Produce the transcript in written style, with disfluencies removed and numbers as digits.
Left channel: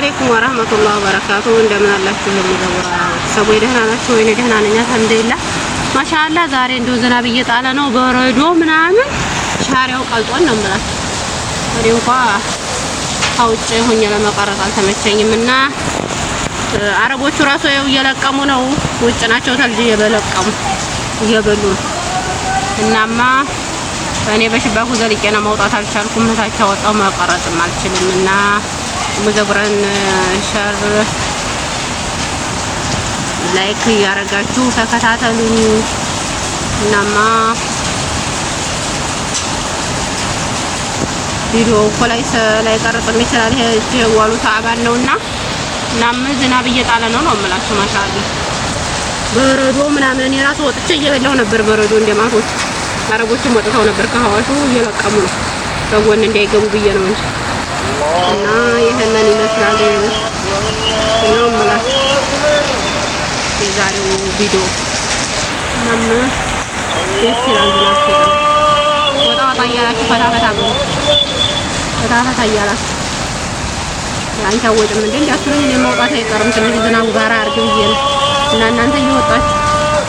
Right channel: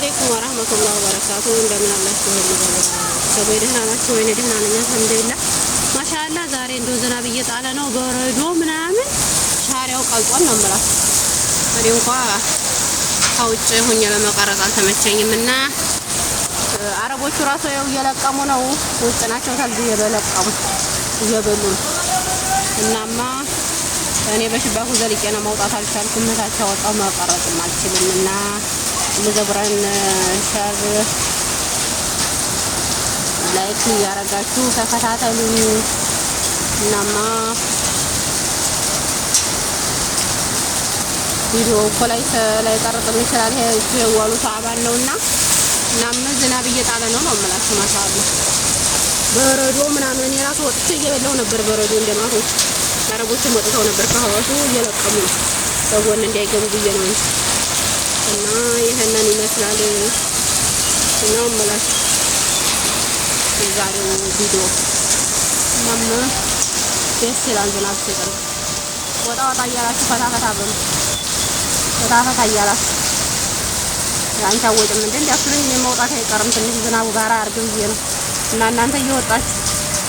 عليكم ورحمة الله وبركاته عندما الله سوي دهنا شوي دهنا لنا الحمد لله ما شاء الله ዛሬ እንደው ዝናብ እየጣለ ነው በረዶ ምናምን ሻሪያው ቀልጧል ነው ማለት ነው እንኳን አውጭ ሆኜ ለመቀረጥ አልተመቸኝምና አረቦቹ ራሱ ያው እየለቀሙ ነው ውጭ ናቸው ታልጂ እየበለቀሙ እየበሉ እናማ እኔ በሽባኩ ዘልቄ ነው መውጣት አልቻልኩም ታቸው ወጣው መቀረጥ አልችልምና ሙዘብራን ሸር ላይክ ያረጋችሁ ተከታተሉኝ እናማ ቪዲዮ ኮላይ ላይ ቀረጥ ይችላል ይሄዋሉ ታባል ነውና እናም ዝናብ እየጣለ ነው ማለት ማሻአላ በረዶ ምናምን የራሱ ወጥቼ እየበላው ነበር በረዶ እንደማቶች አረቦቹ ወጥተው ነበር ከሐዋሹ እየለቀሙ ነው ሰውን እንዳይገቡ ብዬ ነው እንጂ እና ይሄንን ይመስላል ነው ማለት የዛሬው ቪዲዮ እናም ይስራል ነው ወጣ ያላችሁ ፈታ ያላችሁ አንቺ ወጥም እንዴ ያስሩኝ ነው መውጣት አይቀርም ትንሽ ዝናቡ ጋር አርግም ይሄን እና እናንተ እየወጣችሁ